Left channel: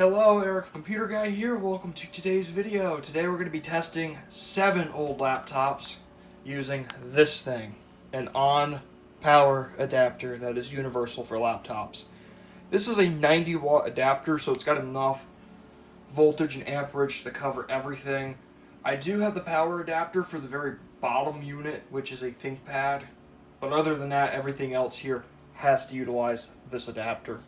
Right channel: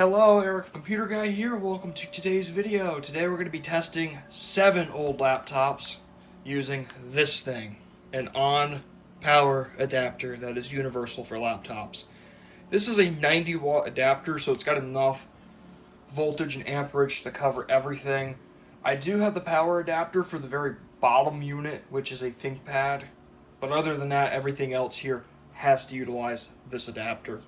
Hello, Eric the Computer Guy here. Welcome to today's video. Today we're going to be testing 7 old laptops using this thing, an on-power adapter that is universal for laptops. This is a 90-watt adapter, so it's got enough voltage and amperage to cover everything. I do have the power adapter for the very bottom unit, which is a ThinkPad, but other than that, everything else here has to utilize this adapter.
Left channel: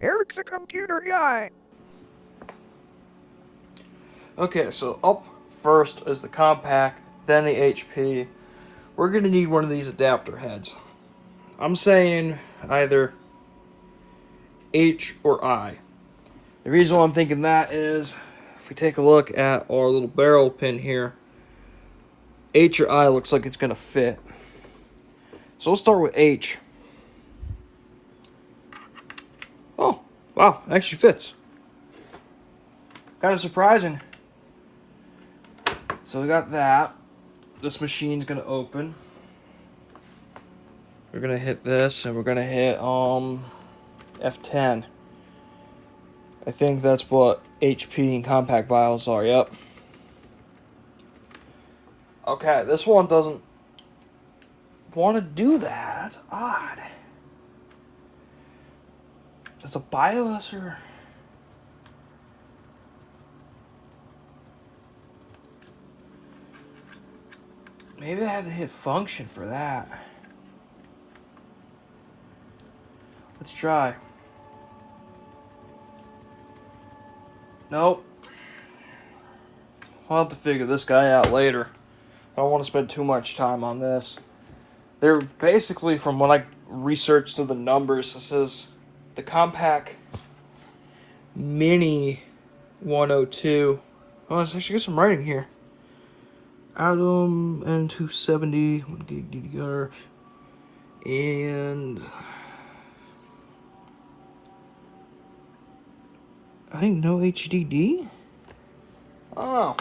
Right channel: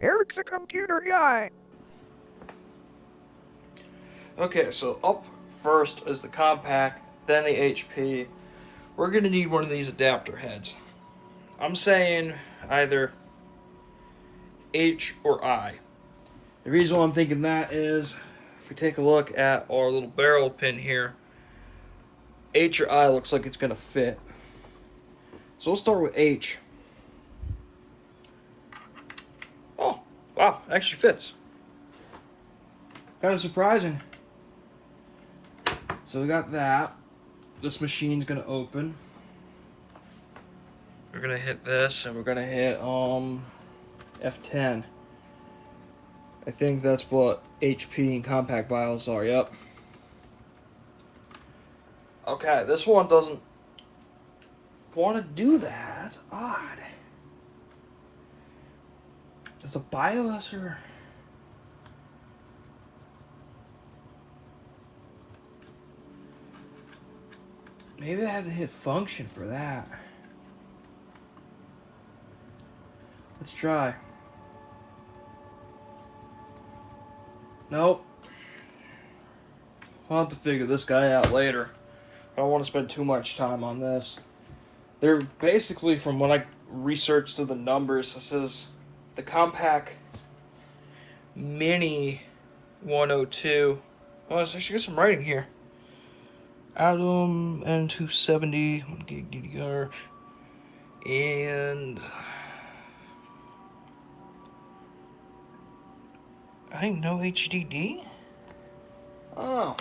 Eric's a computer guy. Okay, so up first is the Compaq, then the HP. We're going to need one of these adapter heads. I'm saying either H or I. The reason why I'm thinking that is, if we take a look at our little barrel pin here, H or I looks like it's going to fit. So we'll start with H. Oh, wow, it actually fits. Kind of surprising. So we got that. This machine's gonna open. We're gonna hit this, and we're gonna hit F10. I think that's what HP and Compaq BIOS are. Yep. Okay, this one doesn't want to do that. That's odd. Is the BIOS or? Maybe I had to hit function for that. Let's try. Nope. I'll have to figure this guy out later. I don't want to spend too much time on this. They're basically, from what I researched through the numbers, this is the Compaq Mini 102. Oh, I should get some writing here. Atom N270 1 gig DDR, and I think no HDD. Oh.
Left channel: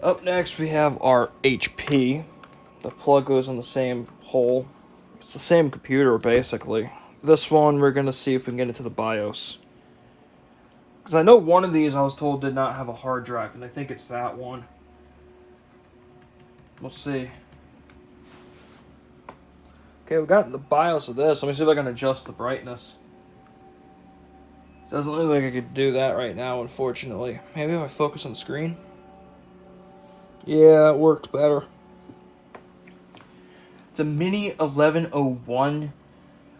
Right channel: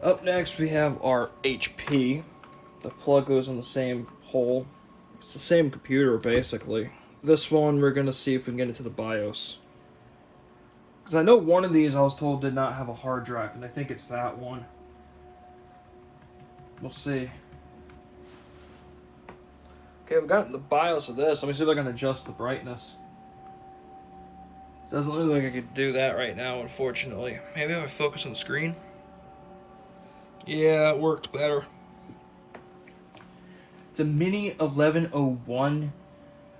Up next we have our HP. The plug goes in the same hole. It's the same computer basically. This one we're gonna see if we can get into the BIOS. Because I know one of these I was told did not have a hard drive, and I think it's that one. We'll see. Okay, we've got the BIOS of this. Let me see if I can adjust the brightness. Doesn't look like I could do that right now, unfortunately. Maybe if I focus on the screen. Yeah, it worked better. It's a Mini 1101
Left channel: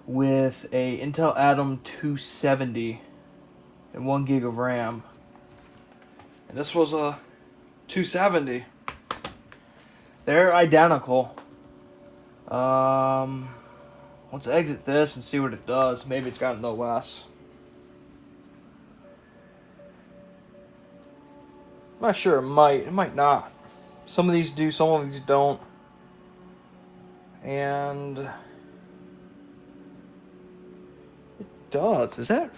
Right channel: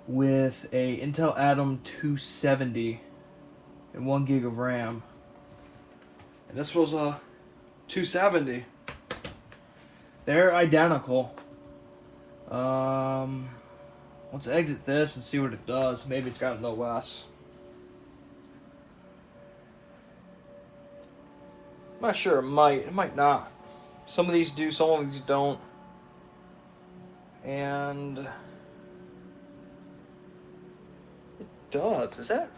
with a Intel Atom 270 and 1 gig of RAM. And this was a 270. They're identical. Let's exit this and see what it does. Maybe it's got an OS. I'm not sure. It might not. Some of these do, some of these don't. And it does. Is that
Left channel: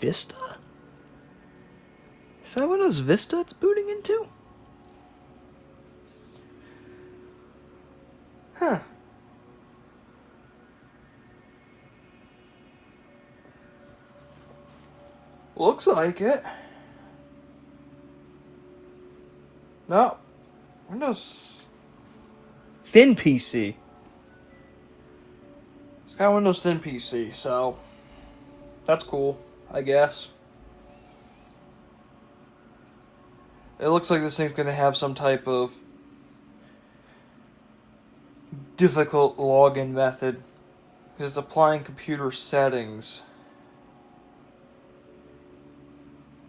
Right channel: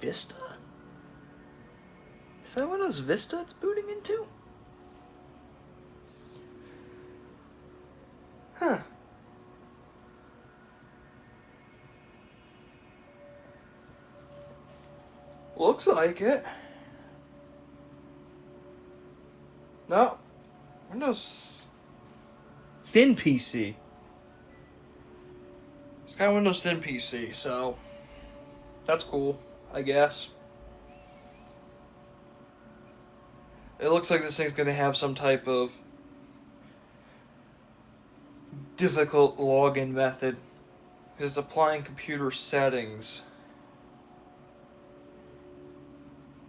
Vista? Is that Windows Vista it's booting into? Huh. Looks like it. No. Windows Thin PC. It's got Windows Thin PC, so that's cool, I guess. It looks like this thing's gonna have some type of difficult login method, because it's applying computer settings.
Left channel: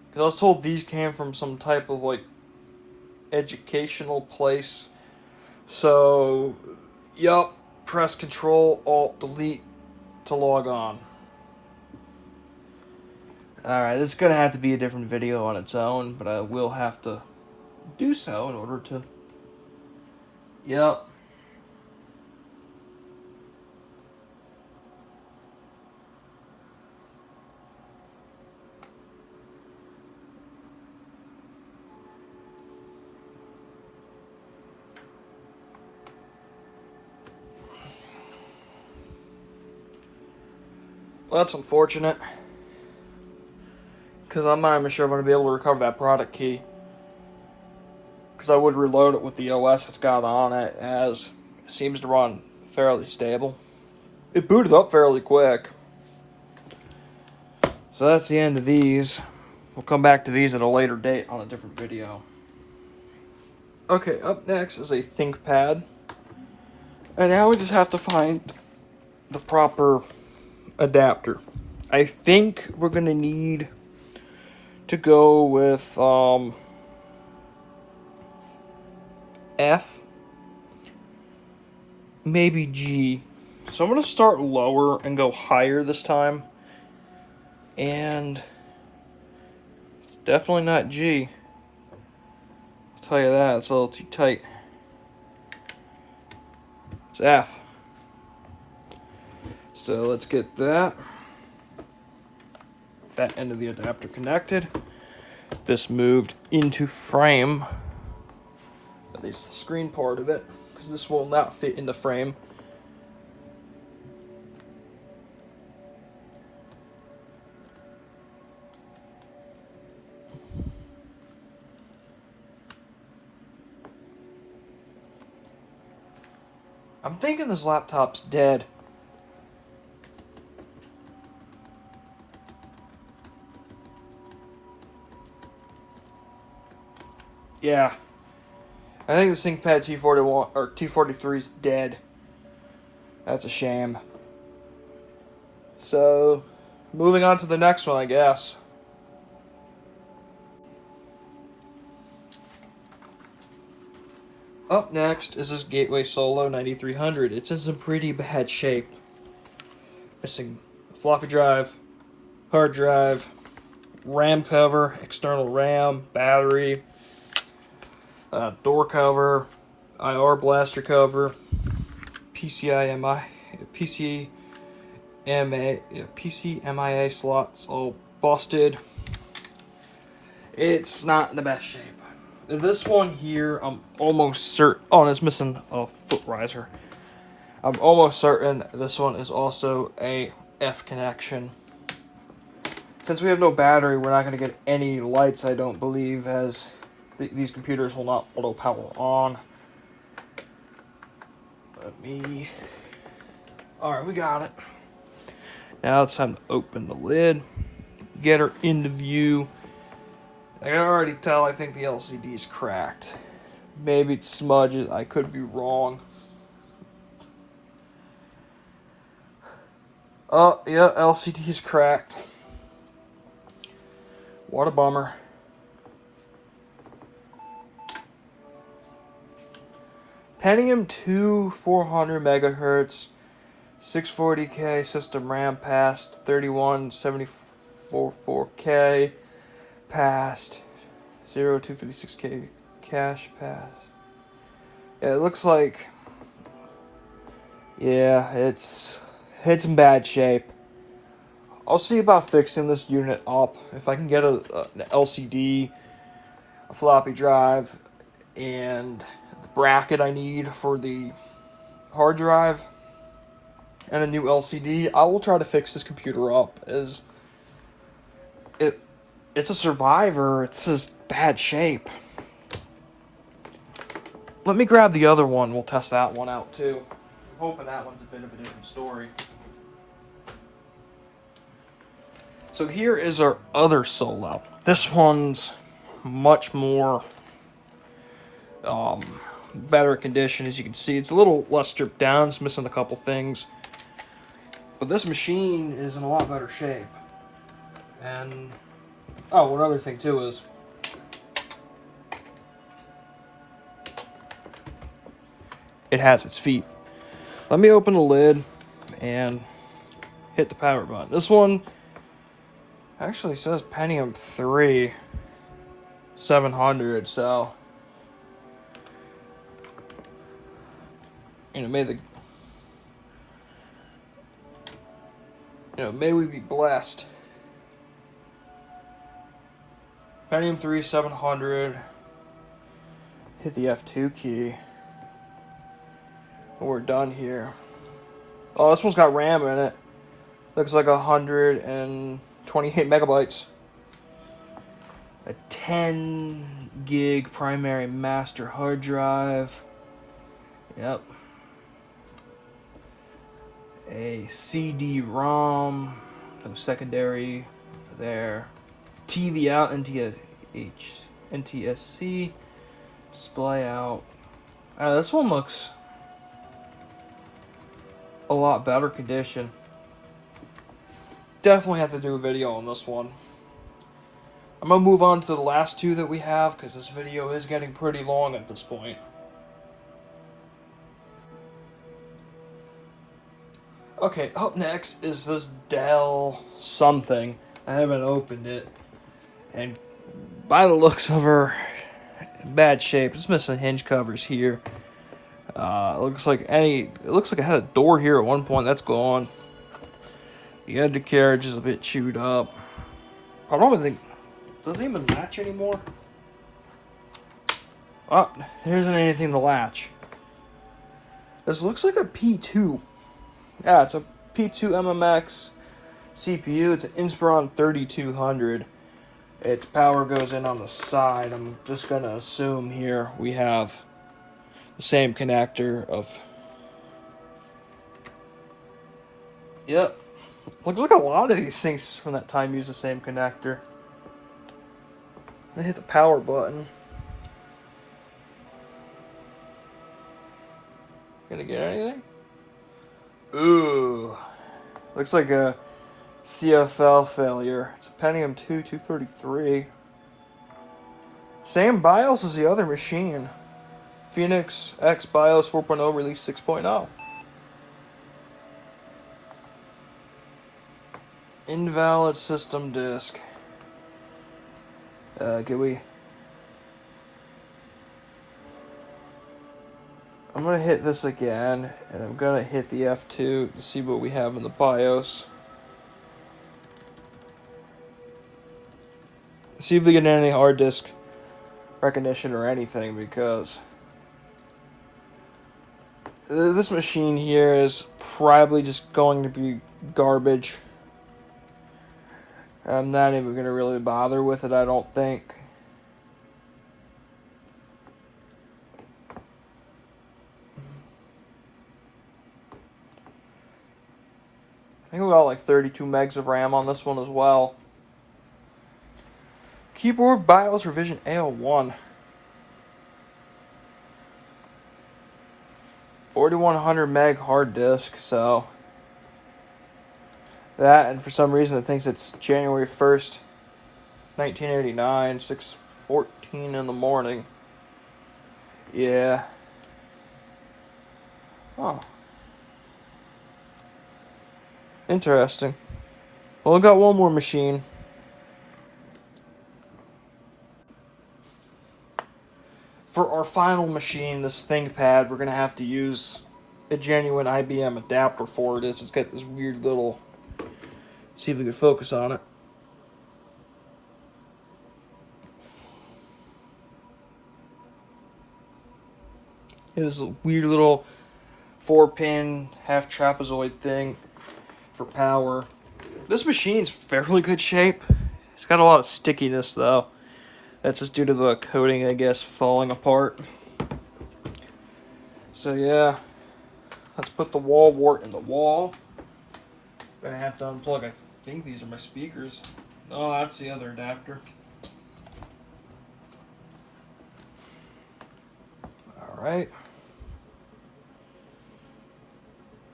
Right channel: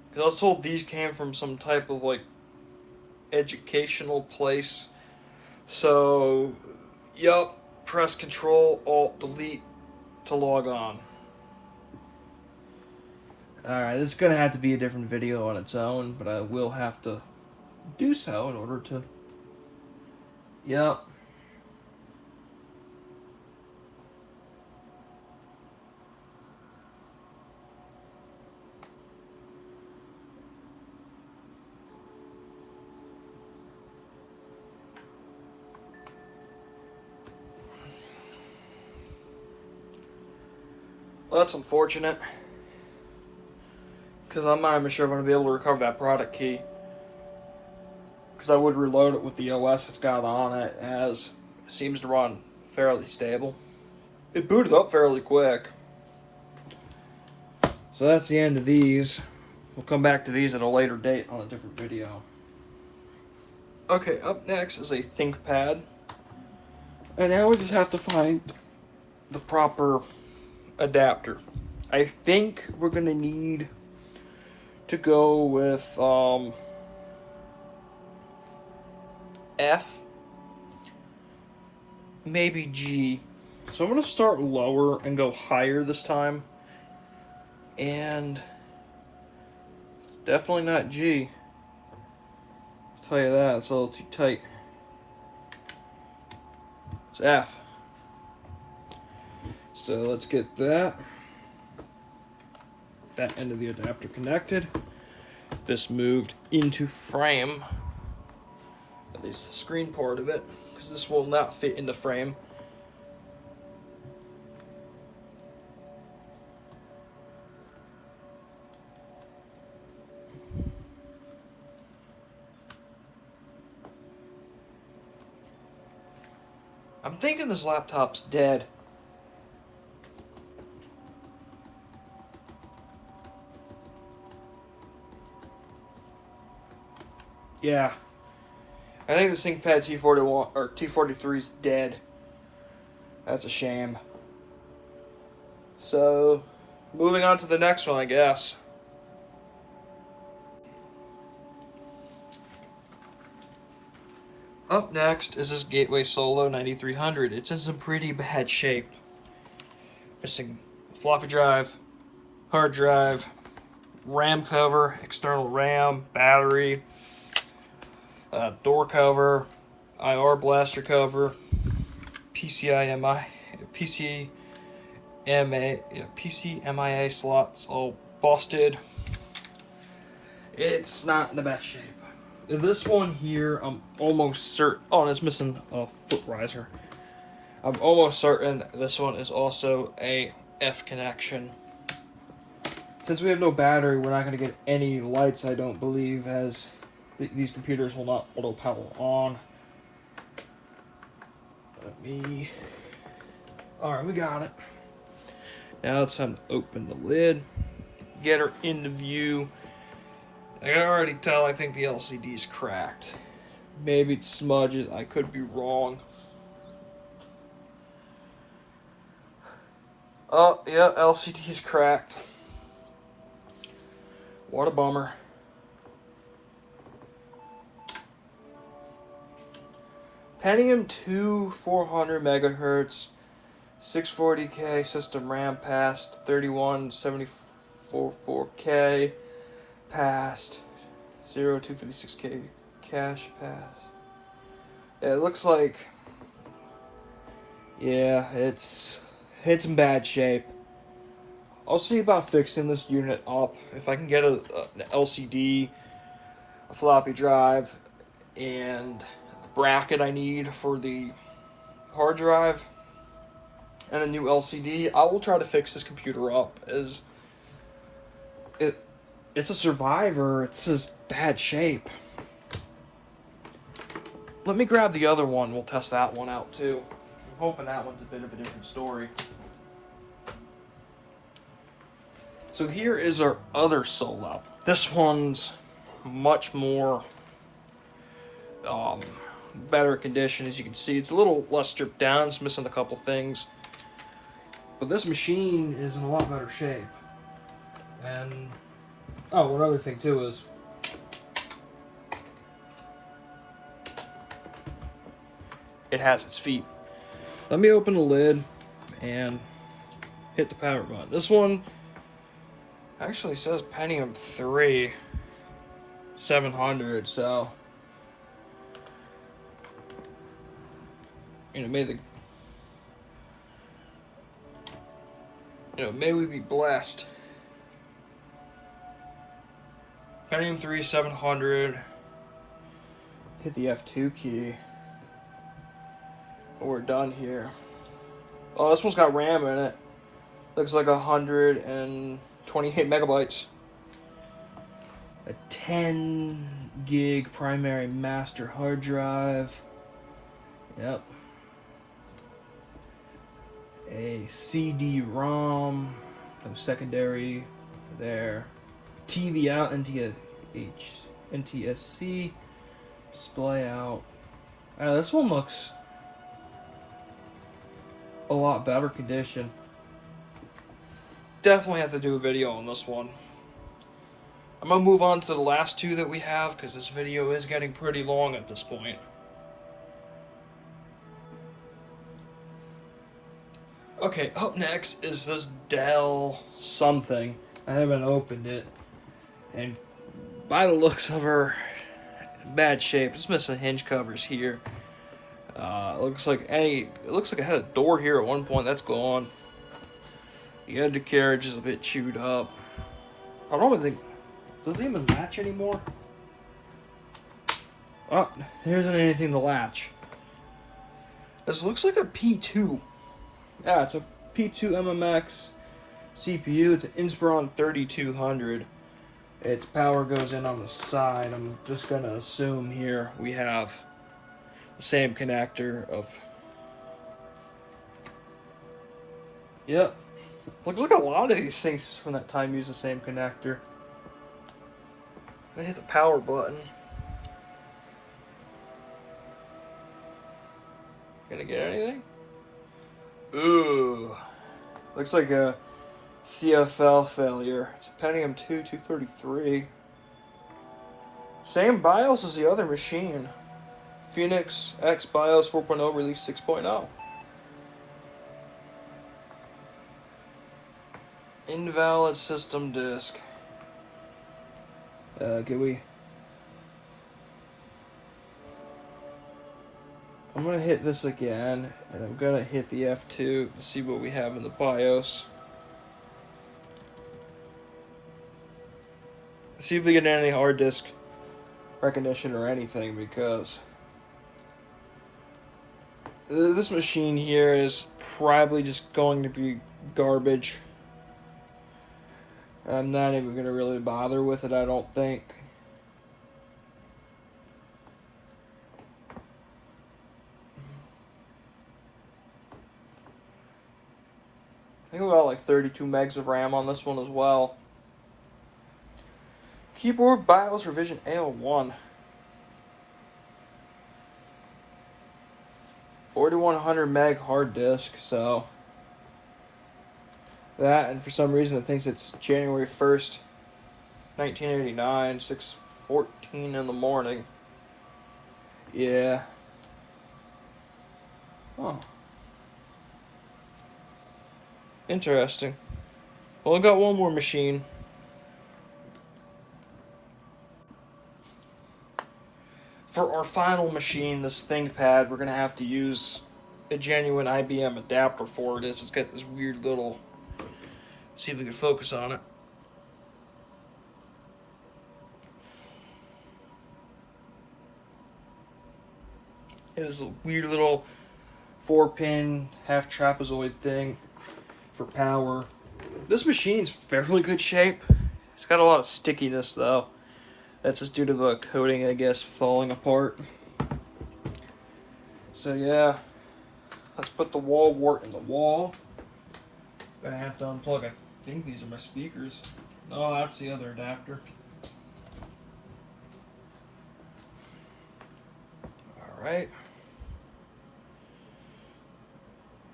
Because I was told these came from some type of like educational place. So, yup, press Control Alt Delete to log on. Alright, this is gonna have to be a different video on its own, but I will have to do so in order to. Yup. Well, that's unfortunate. Because I'm not even sure if I'm going to be able to recover that product key. Because I would reload it with the OS it's got on it, as it seems to run fairly stable. It booted up fairly quick. So that's the end of these. We'll come back to these at a later date on a different video. Okay, up next is a ThinkPad. And now we just have to find the proper adapter. I think we're going to need to go with F, maybe G. So I'm going to start lower and go higher this time. And it's definitely not G. I'll tell you that, it's a little too tight. It's F. So let's get that end of the adapter connected. This moved into frame, at least the screen part of it, because this will not fit into frame. I'm thinking this laptop's dead. Yeah. I think this ThinkPad T41 or T43 is dead. That's a shame. So, moving on to the next one, I guess. Up next is this Gateway Solo 9300. It's in some pretty bad shape. Missing floppy drive, hard drive, RAM cover, external RAM, battery, door cover, IR blaster cover, PCMIA slots all busted. It's not in the best shape. This one here, I'm almost certain. Oh, and it's missing a foot riser. I'm almost certain this one is also a F connection. Since we have no battery, we're not going to get any lights, I don't believe, as these computers will not auto power on. Alright, we got it. Now it's time to open the lid, get her into view. I can already tell I think the LCD is cracked. Maybe it smudges, I could be wrong. Oh, yeah, LCD is cracked. What a bummer. Pentium 2 400 megahertz, 640K system RAM passed, 3174K passed, 0256K cache passed. Yeah, it looks like, yeah, it's in bad shape. I'll see about fixing this unit up. If I can get an LCD, a floppy drive, and the bracket I need for the hard drive, and a new LCD, I will try to fix this computer up. As it's a survivor. It's just bad shape. Let me grab the other one. We'll test that one out too. I'm hoping that one's a bit of a different story. So here is our other Solo. This one's much more better condition. As you can see, it's a little less stripped down. It's missing a couple things. But this machine is in a lot better shape. And, oh, one other thing too is, it has its feet. Let me open the lid and hit the power button. This one actually says Pentium 3 700, so may we be blessed. Pentium 3 700. Hit the F2 key. We're done here. Oh, this one's got RAM in it. Looks like 128 megabytes. A 10 gig primary master hard drive. Yep. A CD-ROM, so secondary there. TV out, NTSC, display out. This one looks a lot better condition. Definitely have to do a video on this one. I'm gonna move on to the last two that we have because this video is getting pretty long at this point. Okay, up next is this Dell something. I haven't opened it, and by the looks of her, in bad shape. It's missing hinge covers here. It looks like it had a door here at one point. That's gone. The undercarriage is a bit chewed up. I don't think does it even latch anymore. Oh, there isn't anything to latch. This looks like a P2. Yeah, it's a P2 MMX CPU. It's an Inspiron 3200. Its power goes in on the side. I'm just gonna assume here we have the same connector of. Yep. Looks like a lot of these things from that time use the same connector. I'm gonna hit the power button. Can I get anything? Ooh. Looks like a CFL failure. It's a Pentium 243. Same BIOS as the other machine. Phoenix X BIOS 4.0 release 6.0. Invalid system disk. I'm gonna hit this again, and I'm gonna hit the F2 to see what we have in the BIOS. See if we get any hard disk recognition or anything, because this machine here is probably just going to be garbage. I'm not even going to really bother with it, I don't think. I think we got like 32 megs of RAM on this one as well. Keyboard BIOS revision A01. 4100 meg hard disk, so that, and for some reason it thinks it's January 1st, 1989, 6:14 in the morning. Yeah. Oh. Interesting. Well, I got one more machine. For our final machine, this ThinkPad, we're going to have to use a genuine IBM adapter for it. It's got this weird little... See if we can focus on it. It's a weird little 4-pin half trapezoid thing for power. This machine's fairly good shape. It's got a lot of stickiness though. That's just due to the coating, I guess, falling apart. So yeah, let's put the wall wart in the wall. Gonna have to unplug. I think these are my speakers. Oh, that's the other adapter. All right.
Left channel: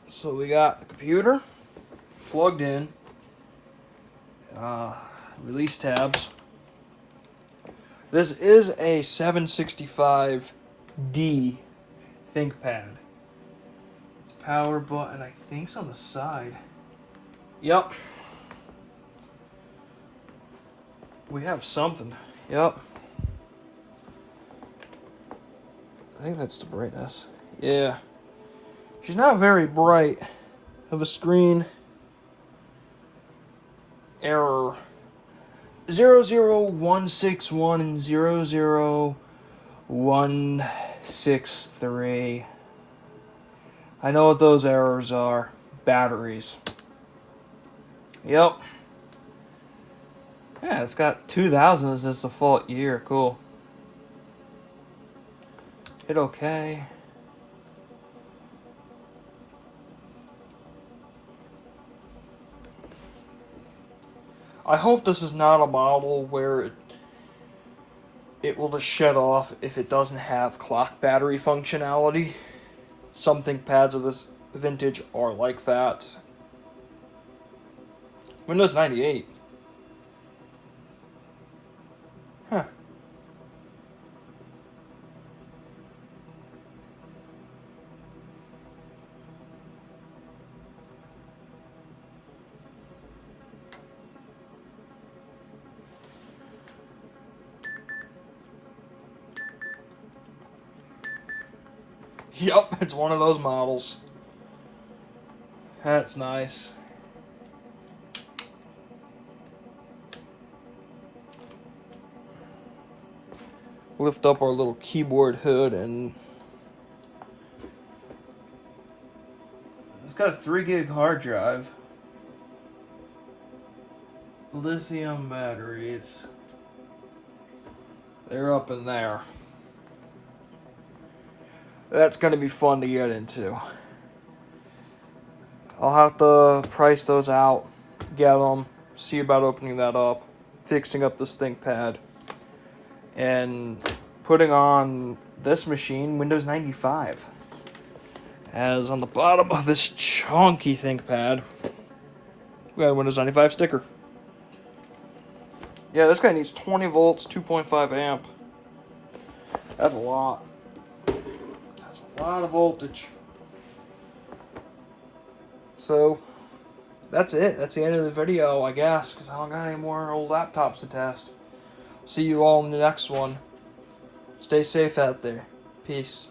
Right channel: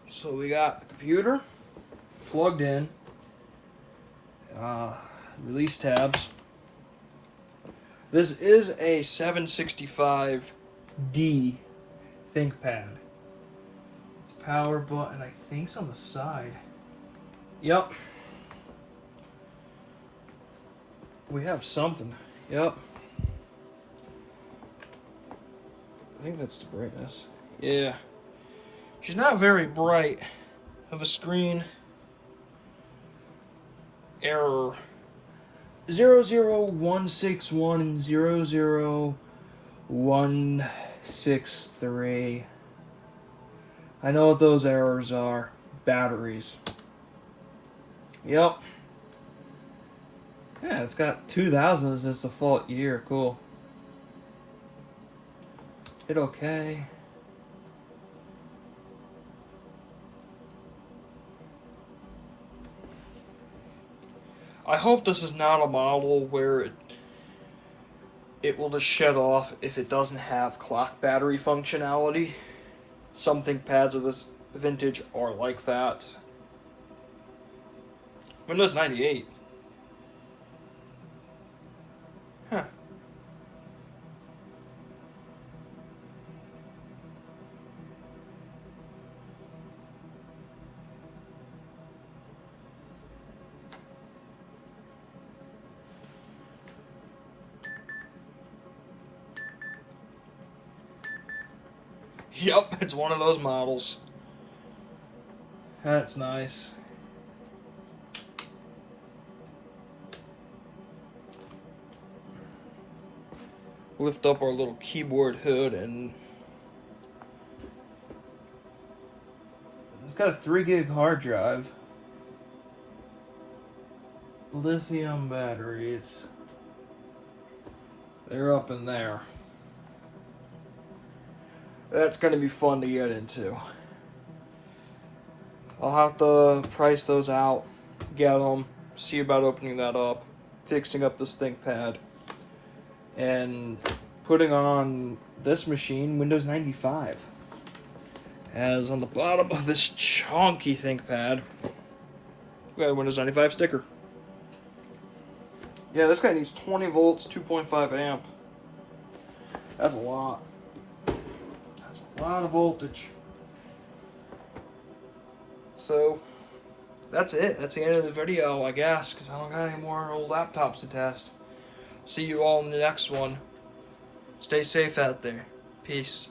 So we got the computer plugged in. Release tabs. This is a 765D ThinkPad. Power button, I think, is on the side. Yep. We have something. Yep. I think that's the brightness. Yeah. She's not very bright. Have a screen error. 00161 and 00163. I know what those errors are. Batteries. Yep. Yeah, it's got 2000 as its default year. Cool. Hit OK. I hope this is not a model where it will just shut off if it doesn't have clock battery functionality. Some ThinkPads of this vintage are like that. Windows 98. Huh. Yep, it's one of those models. That's nice. Lift up our little keyboard hood, and it's got a 3 gig hard drive, lithium batteries. They're up in there. That's gonna be fun to get into. I'll have to price those out, get them, see about opening that up, fixing up this ThinkPad, and putting on this machine Windows 95. As on the bottom of this chunky ThinkPad, we got a Windows 95 sticker. Yeah, this guy needs 20 volts, 2.5 amp. That's a lot. That's a lot of voltage. So, that's it. That's the end of the video, I guess, because I don't got any more old laptops to test. See you all in the next one. Stay safe out there. Peace.